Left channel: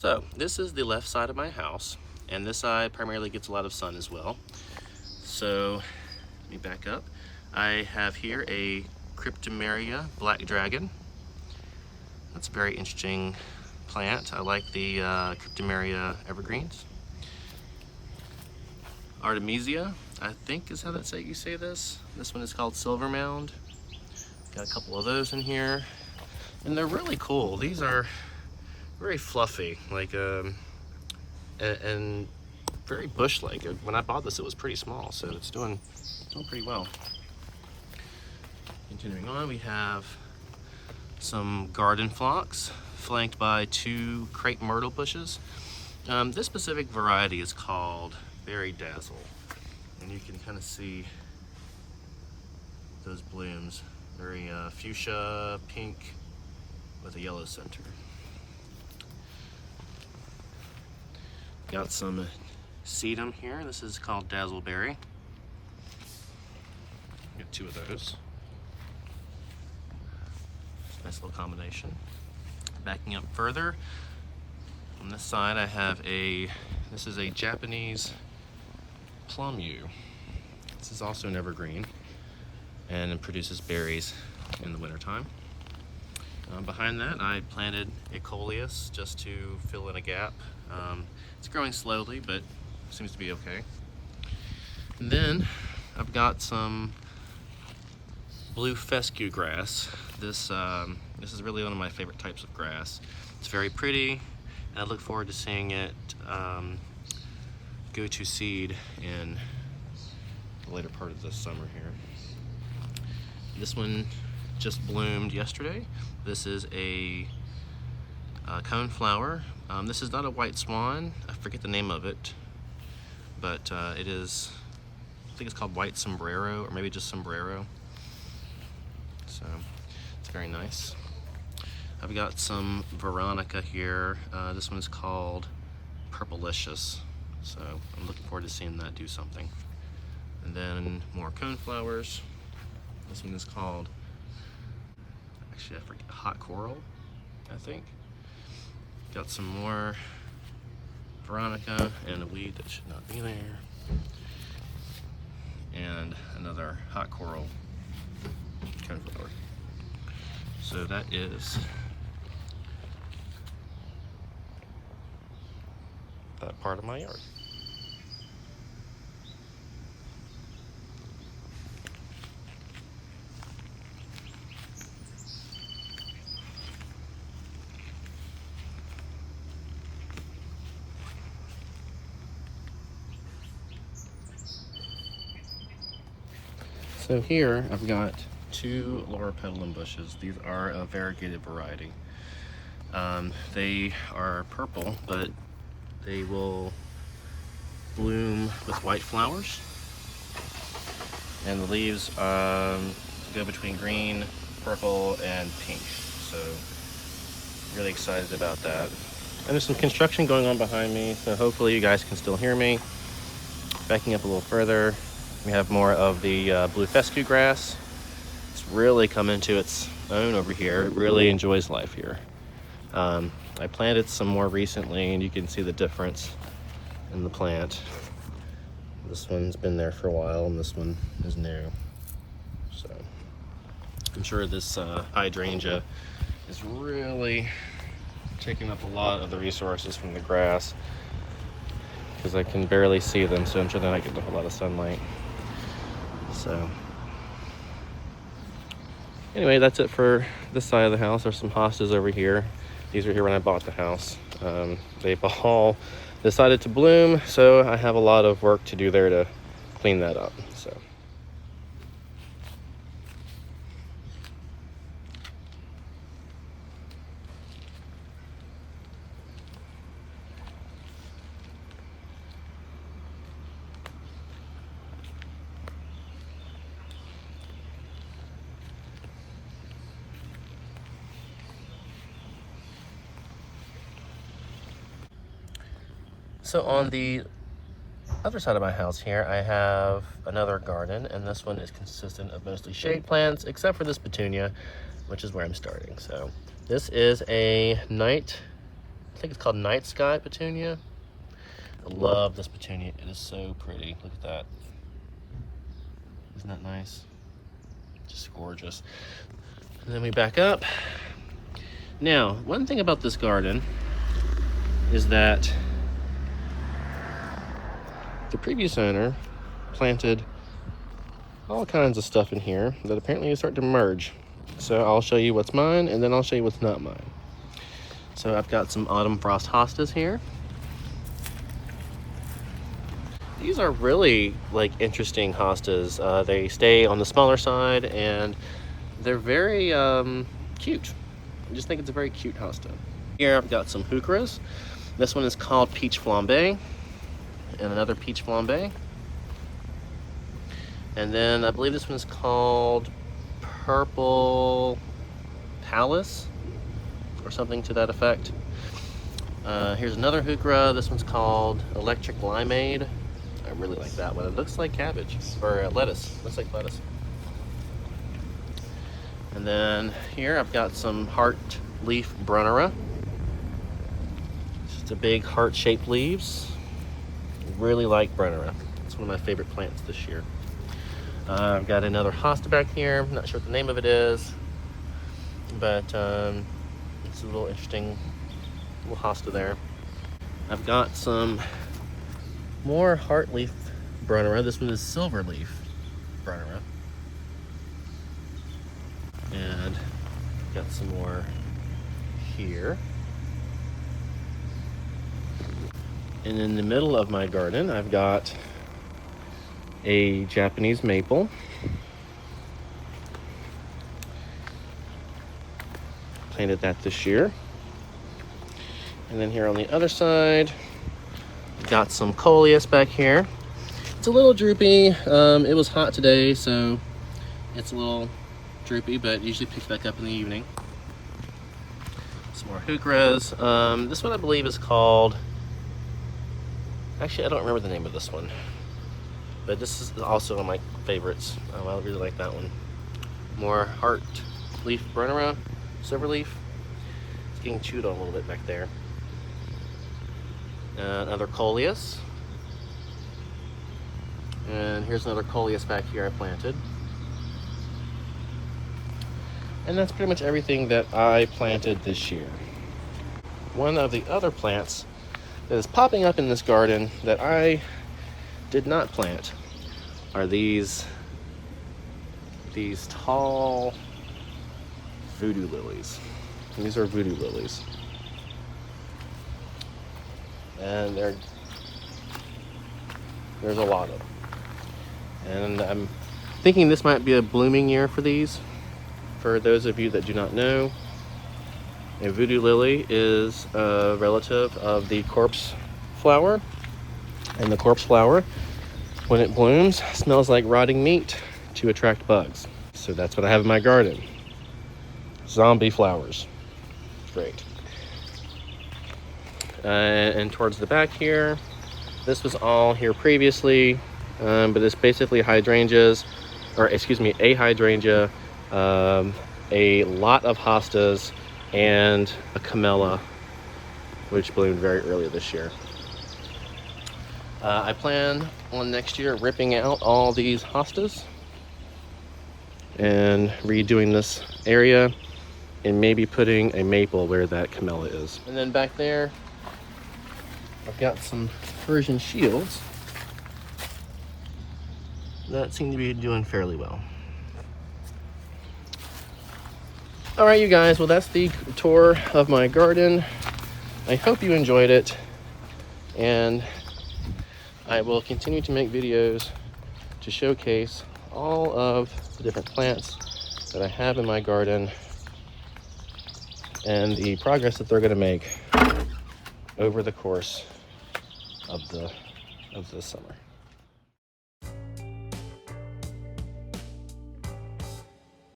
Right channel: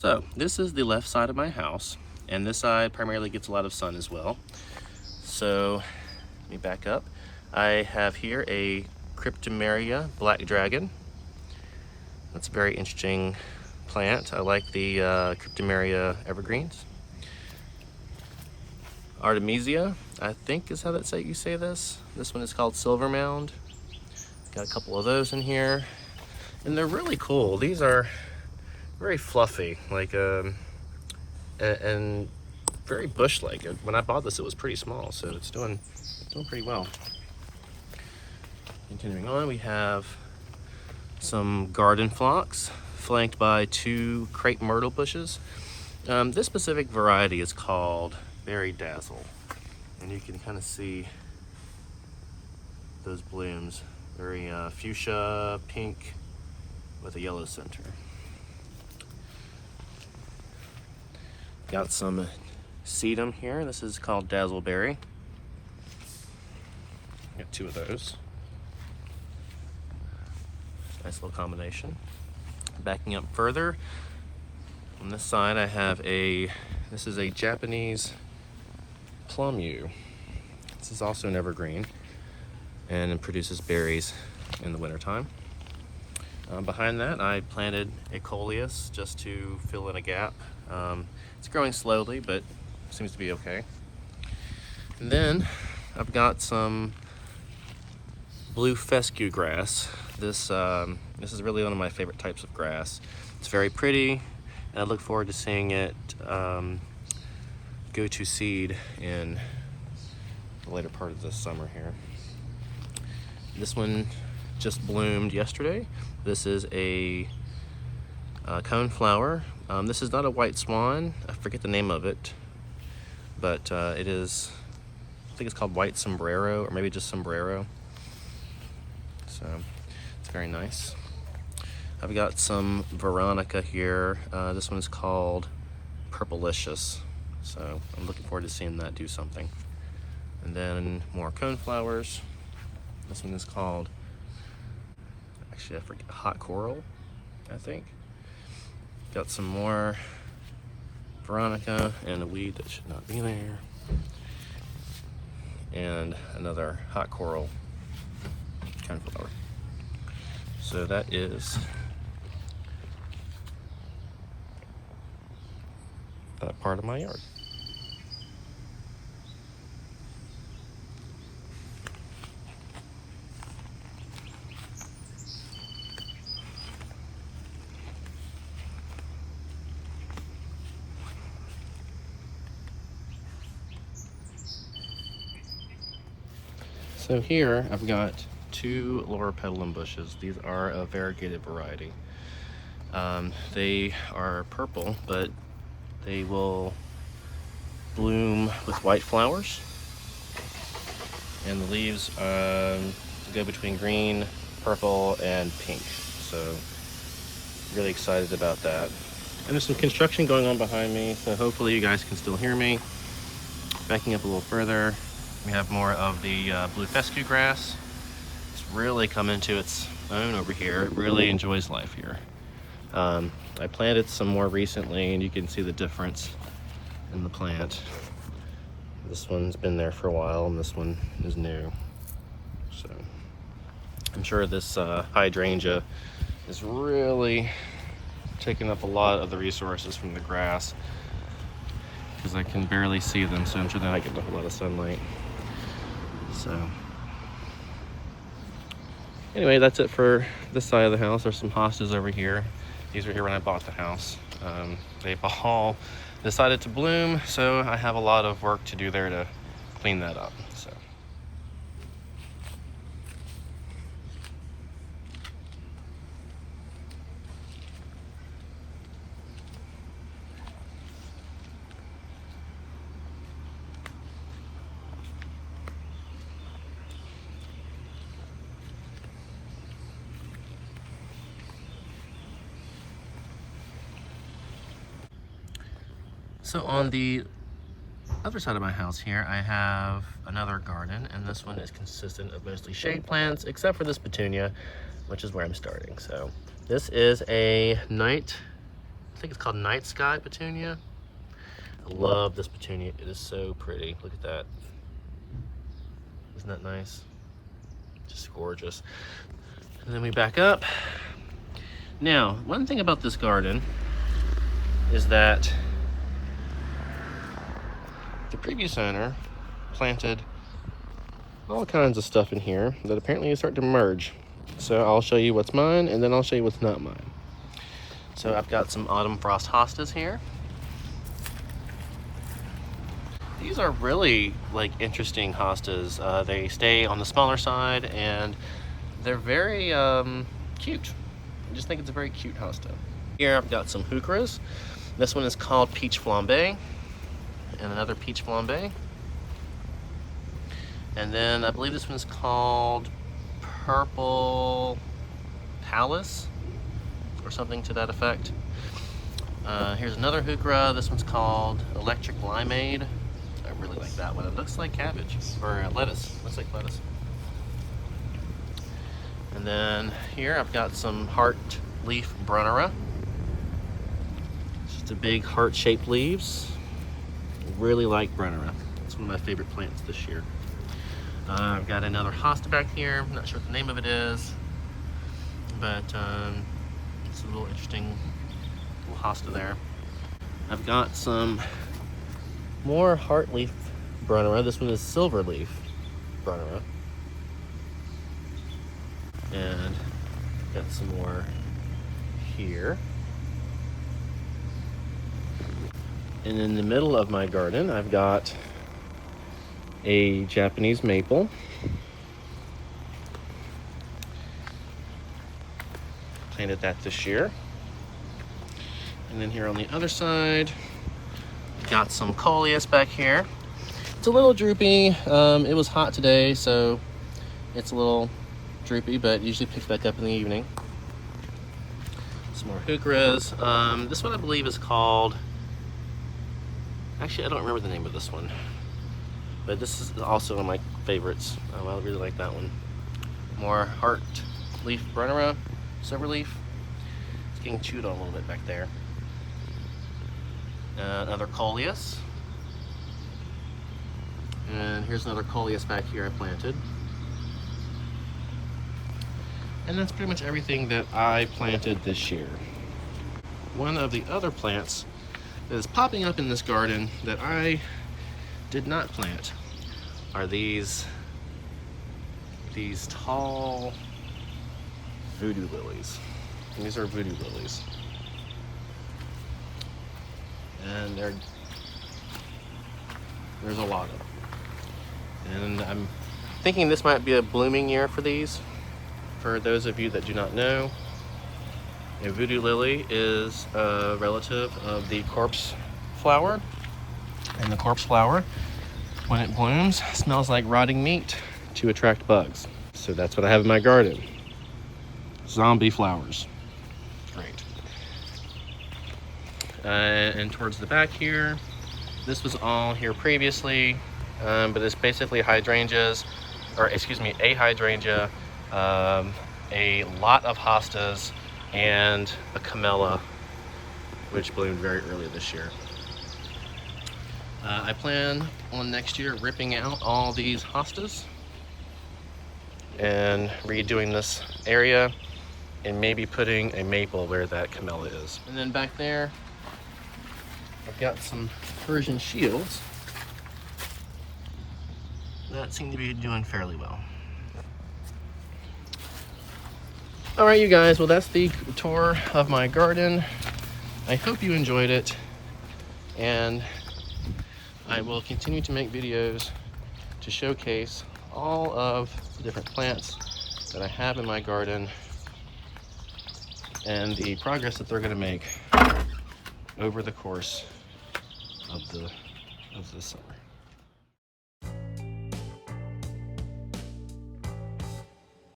So this is the left side of my house, and this side primarily gets a lot of sun as well. So let me back up. I have here a Cryptomeria black dragon. That's a very interesting plant. I like the Cryptomeria evergreens. Artemisia, I think is how you say this. This one is called Silver Mound. Got a couple of those in here, and they're really cool. These are very fluffy, like and very bush-like. When I bought this, it was pretty small, so it's doing pretty well. Continuing on, we have some garden phlox flanked by 2 crepe myrtle bushes. This specific variety is called Berry Dazzle, and you can kind of see those blooms, very fuchsia pink with a yellow center. Got some sedum here. This is called Dazzleberry. Got 2 of those. Nice little combination. Backing up further, on this side I have this is a Japanese plum yew. This is also an evergreen, and it produces berries in the wintertime. Behind that, I planted a Coleus just to fill in a gap. It's growing slowly, but seems to be okay. And then I've got some blue fescue grass. This is really one of my favorite types of grass. It's very pretty, and I look forward to seeing it go to seed in the later part of the summer here. This one just bloomed yesterday. This is a ConeFlower. This is not a white swan. I forget the name of it, but it is, I think it's called white sombrero, or maybe just sombrero. So it's very nice. I've got some Veronica here. This one's called Purpleicious. So I'm looking forward to seeing that do something. And then more ConeFlowers. This one is called, actually I forget, hot coral, I think. Got some more Veronica and a weed that should not be there. And another hot coral ConeFlower. So that is that part of my yard. So here I've got 2 Loropetalum bushes. These are a variegated variety. They are purple, but they will bloom with white flowers. And the leaves go between green, purple, and pink. So really excited about that. And there's some construction going on behind me, so hopefully you guys can still hear me. Backing up a little further, we have more of the blue fescue grass. It's really come into its own over here. It really enjoys life here. I planted some more recently, and you can see the difference in the plant. This one's been there for a while, and this one is new. So I'm sure this hydrangea is really taking up a lot of the resources from the grass, because I can barely see them, so I'm sure they're not getting a whole lot of sunlight. So anyway, that's it for this side of the house. There's some hostas over here. These were here when I bought the house. They've all decided to bloom, so I have a lot of work to do there to clean that up. So So on the other side of my house here, I have another garden, and this one is consistent of mostly shade plants, except for this Petunia, which is where I'm starting. So this is a night think it's called Night Sky Petunia. I love this petunia. It is so pretty. Look at that. Isn't that nice? Just gorgeous. And then we back up. Now, one thing about this garden is that the previous owner planted all kinds of stuff in here that apparently is starting to merge. So I'll show you what's mine, and then I'll show you what's not mine. So I've got some autumn frost hostas here. These are really like interesting hostas. They stay on the smaller side and they're very cute. I just think it's a very cute hosta. Here I've got some Heucheras. This one is called Peach Flambe, and another Peach Flambe. And then I believe this one is called Purpleicious or something to that effect. Here's another Heuchera. This one's called Electric Limeade. I really like that one. It looks like cabbage or lettuce. Looks like lettuce. And then here I've got some heart leaf Brunnera. It's a big heart-shaped leaves. I really like Brunnera. It's one of my favorite plants this year. I've got another hosta back here. I'm not sure what the name of it is, but it's a little interesting little hosta there. I've got some more heart leaf Brunnera. This one is silver leaf Brunnera. And got some more here. And in the middle of my garden, I've got a Japanese maple. Planted that this year. And then here on the other side, got some Coleus back here. It's a little droopy. It was hot today, so it's a little droopy, but usually picks back up in the evening. Some more Heucheras. This one I believe is called, actually I don't remember the name of this one, but this is also one of my favorites. I really like that one. More heart leaf Brunnera, silver leaf. It's getting chewed on a little bit back there. Another Coleus. And here's another Coleus back here I planted. And that's pretty much everything that I planted this year. One of the other plants that is popping up in this garden that I did not plant are these tall voodoo lilies. These are voodoo lilies. And there's a lot of them. And I'm thinking this might be a blooming year for these. For those of you that do not know, a voodoo lily is a relative of the corpse flower. And the corpse flower, when it blooms, smells like rotting meat to attract bugs. So that's what I have in my garden. Zombie flowers. Great. And towards the back here, this was all here previously, but it's basically hydrangeas, or excuse me, a hydrangea, a lot of hostas, and a camellia, which bloomed very early this year. I plan on next year ripping out all these hostas and redoing this area and maybe putting a maple where that camellia is. And then back there, I've got some Persian shields that seem to be doing fairly well. All right, you guys, well, that's the tour of my garden. I hope you enjoyed it, and I will continue to make videos to showcase all of the different plants that I have in my garden and the progress that they're going to make over the course of the summer.